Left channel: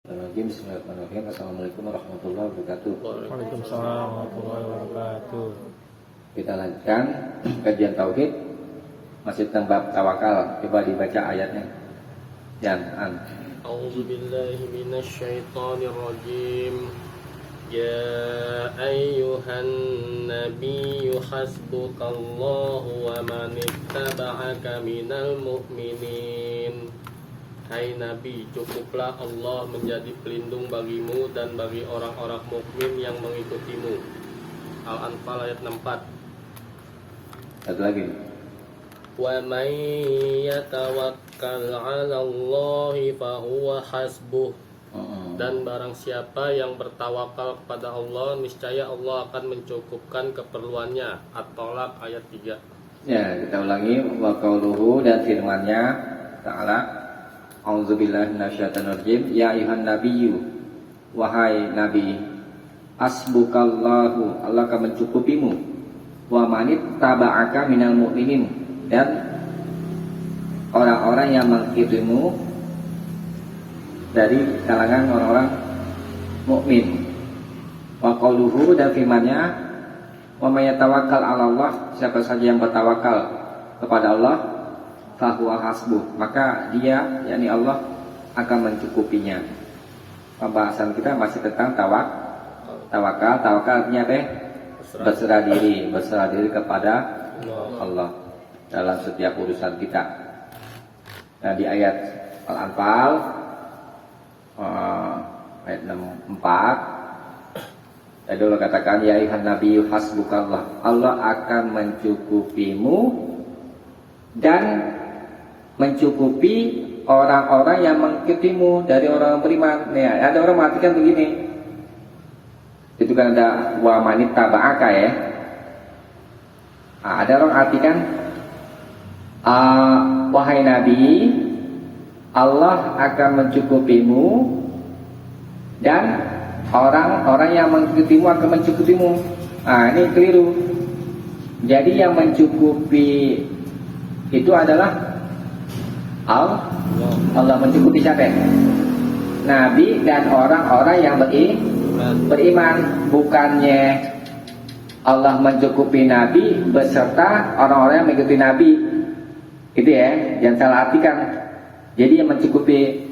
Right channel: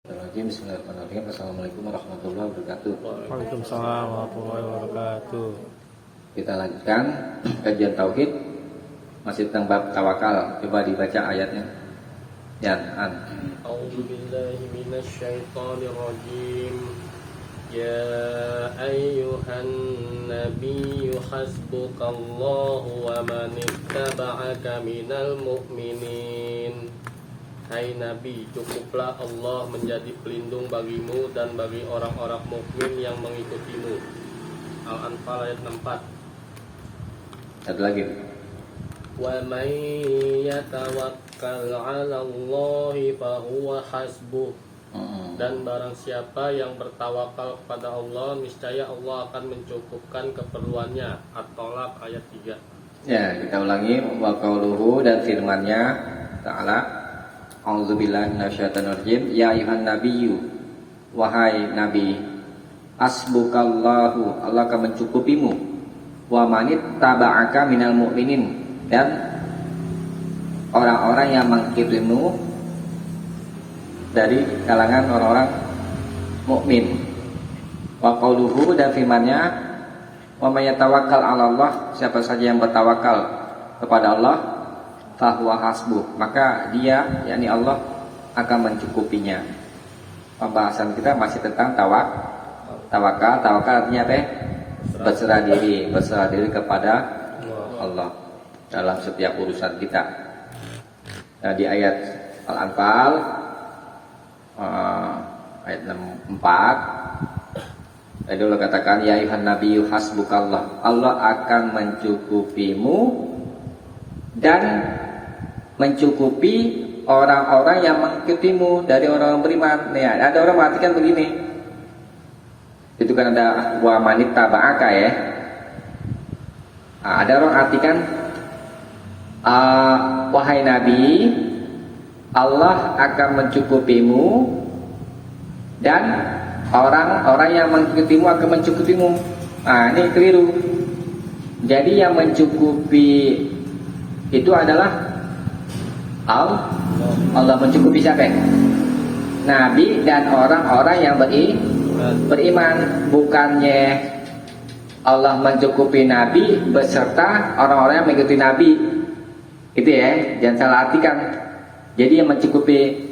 Bismillahirrahmanirrahim. Assalamualaikum warahmatullahi wabarakatuh. Waalaikumsalam warahmatullahi wabarakatuh. Kita lanjutkan kajian tauhid masih tentang bab tawakal. Coba dibaca ayatnya. A'udzu billahi minasyaitonir rajim. Ya ayyuhan nabiyyu hasbukallahu wa man ittaba'aka minal mu'minin. Hai Nabi, cukuplah Allah menjadi pelindung bagimu dan bagi orang-orang mukmin yang mengikutimu. Al-Anfal ayat 64. Satu lagi. Wa may yatawakkal 'ala Allahi fa huwa hasbuh. Dan barang siapa yang bertawakal kepada Allah, niscaya Allah akan mencukupkan keperluannya. At-Tolak ayat 3. Ya, kita ulangi wa qauluhu dan firman-Nya Ta'ala. A'udzubillahi minasyaitonirrajim. Ya ayuhan nabiyyu, wahai nabi, hasbukallahu, Allah akan mencukupimu, wa manit taba'aka minal mu'minin, dan orang-orang yang mengikutimu dari kalangan orang-orang mukmin. Wa qauluhu dan firman-Nya, wa may yatawakkal 'ala Allah, siapa saja yang bertawakal kepada Allah, fahuwa hasbuh, maka dia, yakni Allah, akan mencukupinya. Pembahasan kita masih tentang tawakal. Tawakal artinya apa? Berserah diri kepada Allah dalam setiap urusan kita. Nah, di ayat Al-Anfal ayat 64 tadi Allah katakan, ya ayuhan nabiyyu hasbukallah, Allah akan mencukupimu dan mencukupi orang-orang yang mengikutimu dari orang beriman. Nih, ada orang mengatakan begini, itu kan ada wa manit taba'aka ya. Ada orang artikan, wahai Nabi, Allah akan mencukupimu dan orang-orang yang mengikutimu akan mencukupimu. Ini keliru. Jadi yang mencukupi itu adalah Allah mencukupi siapa? Nabi dan orang-orang yang beriman. Bukannya Allah mencukupi Nabi beserta orang-orang yang mengikuti Nabi. Itu ya, jangan salah artikan. Jadi yang mencukupi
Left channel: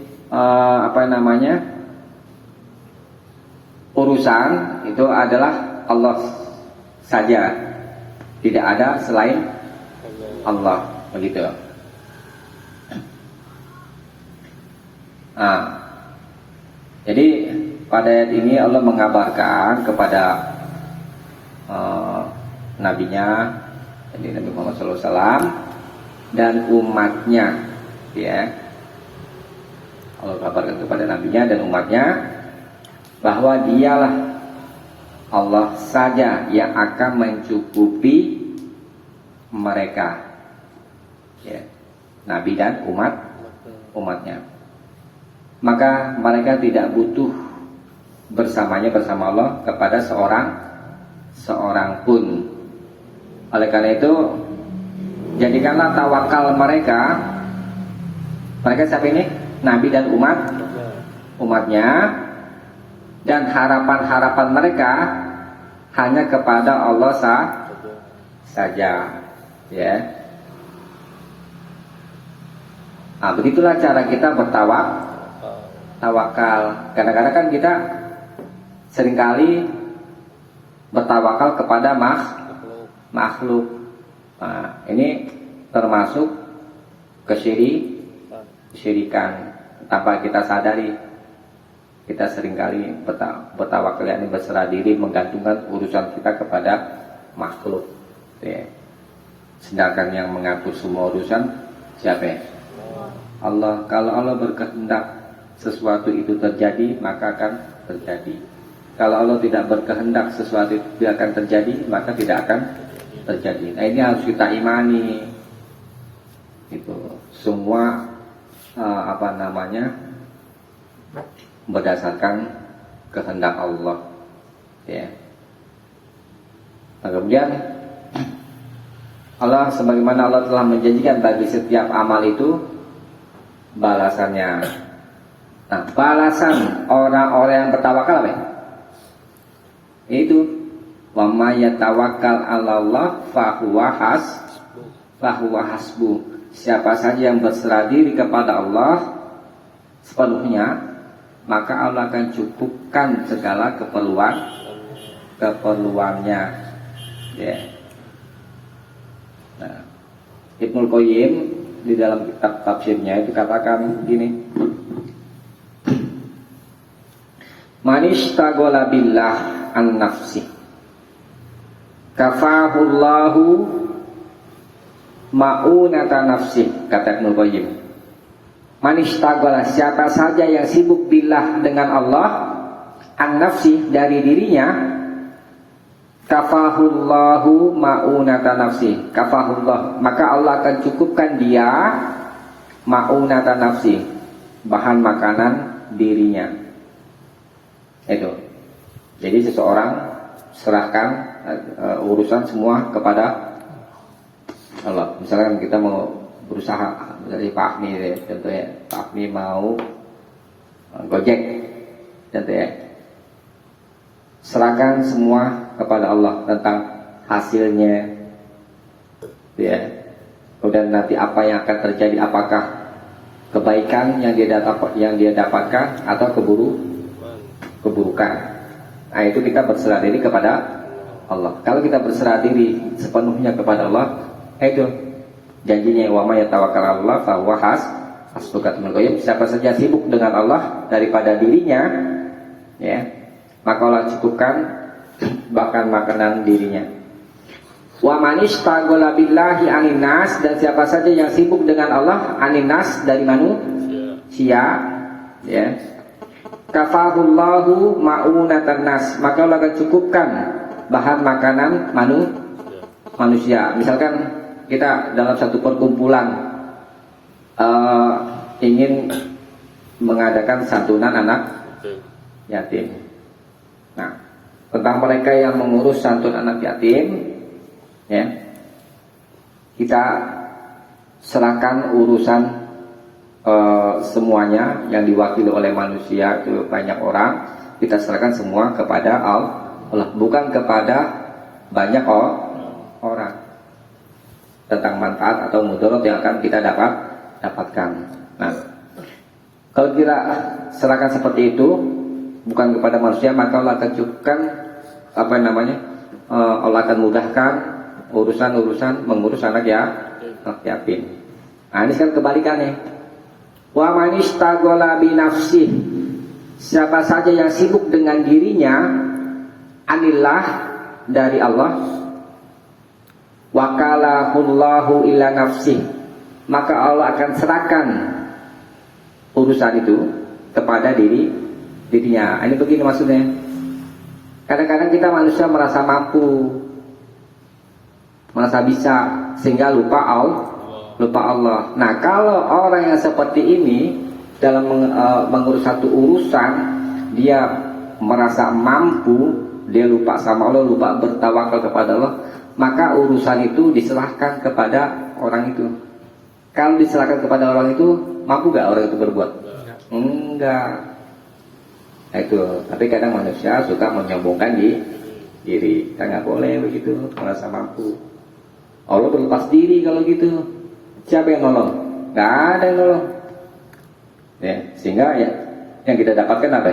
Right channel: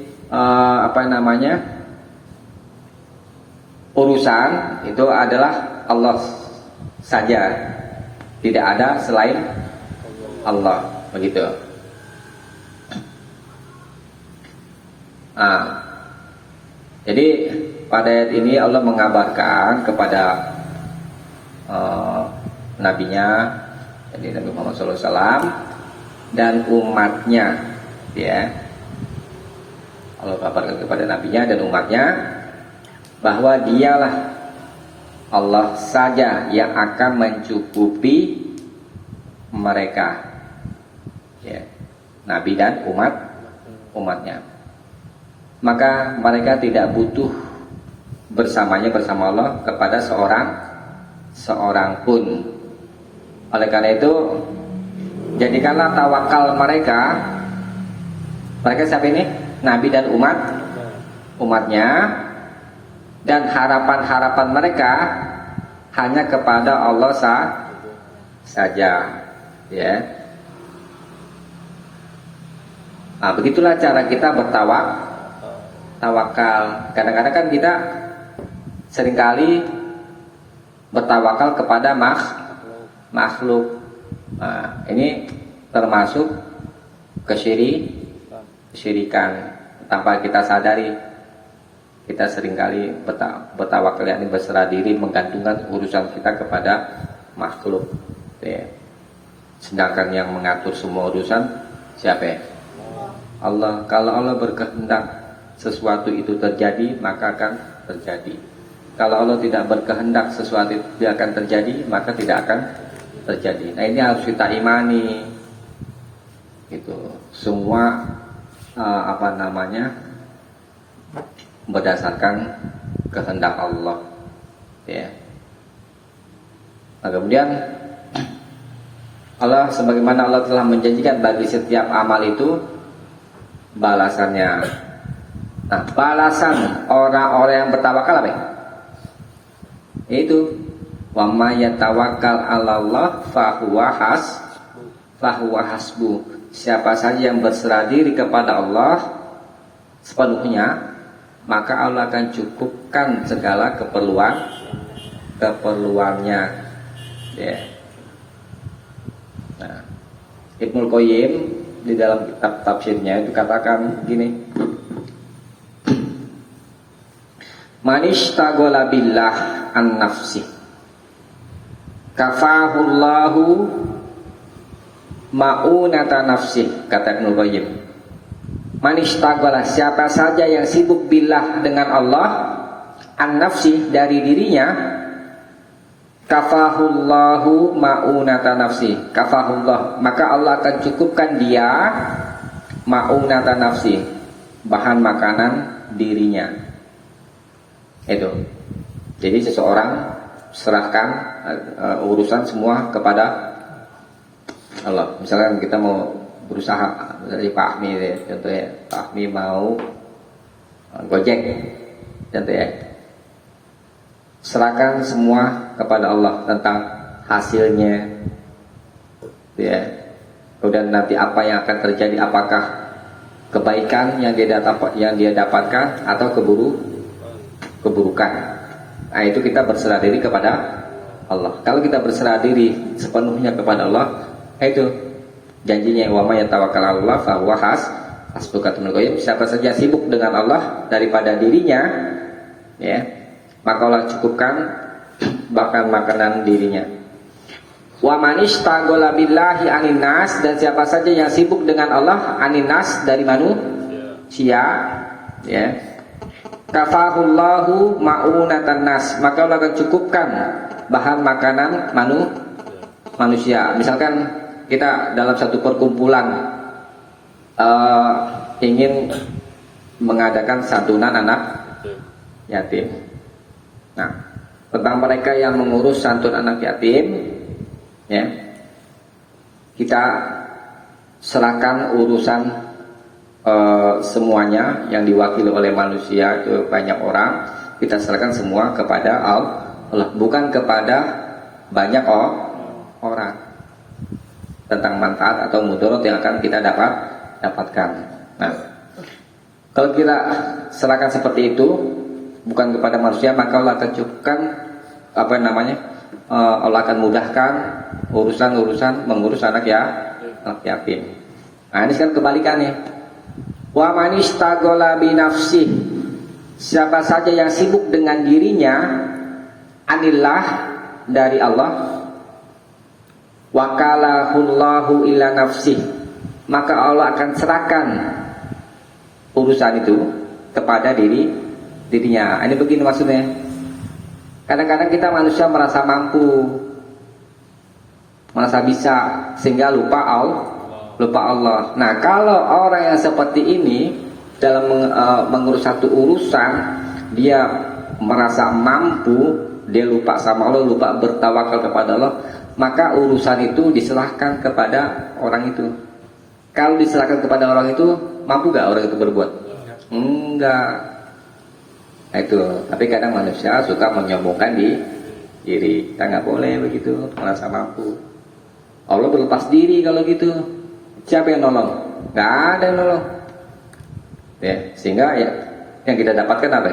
urusan itu adalah Allah saja. Tidak ada selain Allah, begitu. Jadi pada ayat ini Allah mengabarkan kepada nabinya, ini Nabi Muhammad SAW dan umatnya, ya. Allah kabarkan kepada nabinya dan umatnya bahwa dialah Allah saja yang akan mencukupi mereka, ya, Nabi dan umatnya. Maka mereka tidak butuh bersama Allah kepada seorang pun. Oleh karena itu, jadikanlah tawakal mereka siapa ini? Nabi dan umatnya, dan harapan mereka hanya kepada Allah saja, ya. Begitulah cara kita bertawakal. Kadang-kadang kan kita seringkali bertawakal kepada makhluk. Ini termasuk kesyirikan tanpa kita sadari. Kita seringkali bertawakal, yakni berserah diri, menggantungkan urusan kita kepada makhluk, ya. Sedangkan yang mengatur semua urusan siapa? Allah. Kalau Allah berkehendak sesuatu itu terjadi, maka akan terjadi. Kalau Allah tidak berkehendak sesuatu itu tidak akan terjadi, maka tidak akan terjadi. Nah, ini harus kita imani. Itu semua berdasarkan kehendak Allah, ya. Nah, kemudian Allah, sebagaimana Allah telah menjanjikan bagi setiap amal itu balasannya. Nah, balasan orang-orang yang bertawakal apa? Itu wa may yatawakkal 'alallah fahuwa hasbu. Siapa saja yang berserah diri kepada Allah sepenuhnya, maka Allah akan cukupkan segala keperluannya. Ya. Nah, Ibnu Qayyim di dalam kitab tafsirnya itu katakan gini, manishtaghala billah an nafsi kafahullahu ma'unata nafsi. Kata Ibnu Qayyim, manishtaghala, siapa saja yang sibuk billah dengan Allah, an nafsi, dari dirinya, kafahullahu ma'unata nafsi, kafahullah, maka Allah akan cukupkan dia ma'unata nafsi, bahan makanan dirinya. Itu. Jadi seseorang serahkan urusan semua kepada Allah. Misalkan kita mau berusaha, dari Pak Ahmi ya, contohnya Pak Ahmi mau Gojek, contohnya, serahkan semua kepada Allah tentang hasilnya, ya. Kemudian nanti apa yang akan terjadi, apakah kebaikan yang dia dapatkan atau keburukan. Nah, itu kita berserah diri kepada Allah. Kalau kita berserah diri sepenuhnya kepada Allah, itu janjinya wa may yatawakkal 'alallah fa huwa hasbuh. Siapa saja sibuk dengan Allah daripada dirinya, ya, maka Allah cukupkan bahkan makanan dirinya. Wa manistaghala billahi anin nas, dan siapa saja yang sibuk dengan Allah, anin nas, dari manusia, ya, kafahullahu ma'unatan nas, maka Allah akan cukupkan bahan makanan manusia. Misalkan kita dalam satu perkumpulan ingin mengadakan santunan anak yatim. Nah, tentang mereka yang mengurus santun anak yatim, ya, kita serahkan urusan semuanya yang diwakili oleh manusia, itu banyak orang, kita serahkan semua kepada Allah, bukan kepada banyak orang, tentang manfaat atau mudarat yang akan kita dapatkan. Nah, kalau kita serahkan seperti itu bukan kepada manusia, maka Allah akan cukupkan Allah akan mudahkan urusan mengurus anak yatim. Nah, ini kan kebalikannya. Wa manistaghala bi nafsi, siapa saja yang sibuk dengan dirinya, anillah, dari Allah, wakalahullahu ila nafsi, maka Allah akan serahkan urusan itu kepada dirinya. Ini begini maksudnya. Kadang-kadang kita manusia merasa mampu, merasa bisa, sehingga lupa Allah. Nah, kalau orang yang seperti ini dalam mengurus satu urusan, dia merasa mampu, dia lupa sama Allah, lupa bertawakal kepada Allah, maka urusan itu diserahkan kepada orang itu. Kalau diserahkan kepada orang itu, mampu gak orang itu berbuat? Enggak. Nah, itu. Tapi kadang manusia suka menyombongkan diri. Kita nggak boleh begitu, merasa mampu. Allah berlepas diri kalau gitu. Siapa yang nolong? Nggak ada yang nolong. Ya, sehingga ya yang kita dapatkan apa?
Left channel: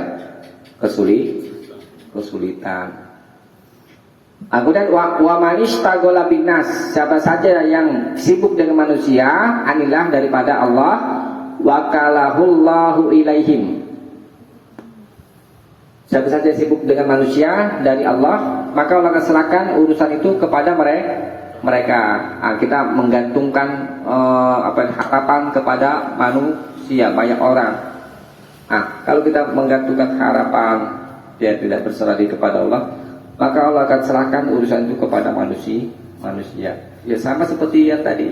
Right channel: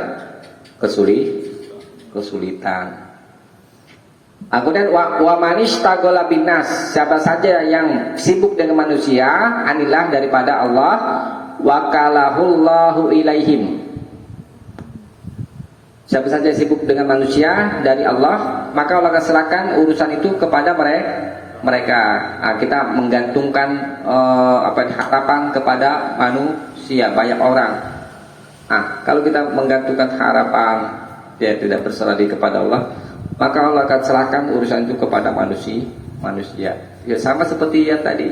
Kesulitan. Kemudian wa manistaghala binas, siapa saja yang sibuk dengan manusia, anilah, daripada Allah, wakalahullahu ilaihim. Siapa saja sibuk dengan manusia dari Allah, maka Allah akan serahkan urusan itu kepada mereka. Nah, kita menggantungkan harapan kepada manusia, banyak orang. Nah, kalau kita menggantungkan harapan, dia tidak berserah diri kepada Allah, maka Allah akan serahkan urusan itu kepada manusia. Ya sama seperti yang tadi,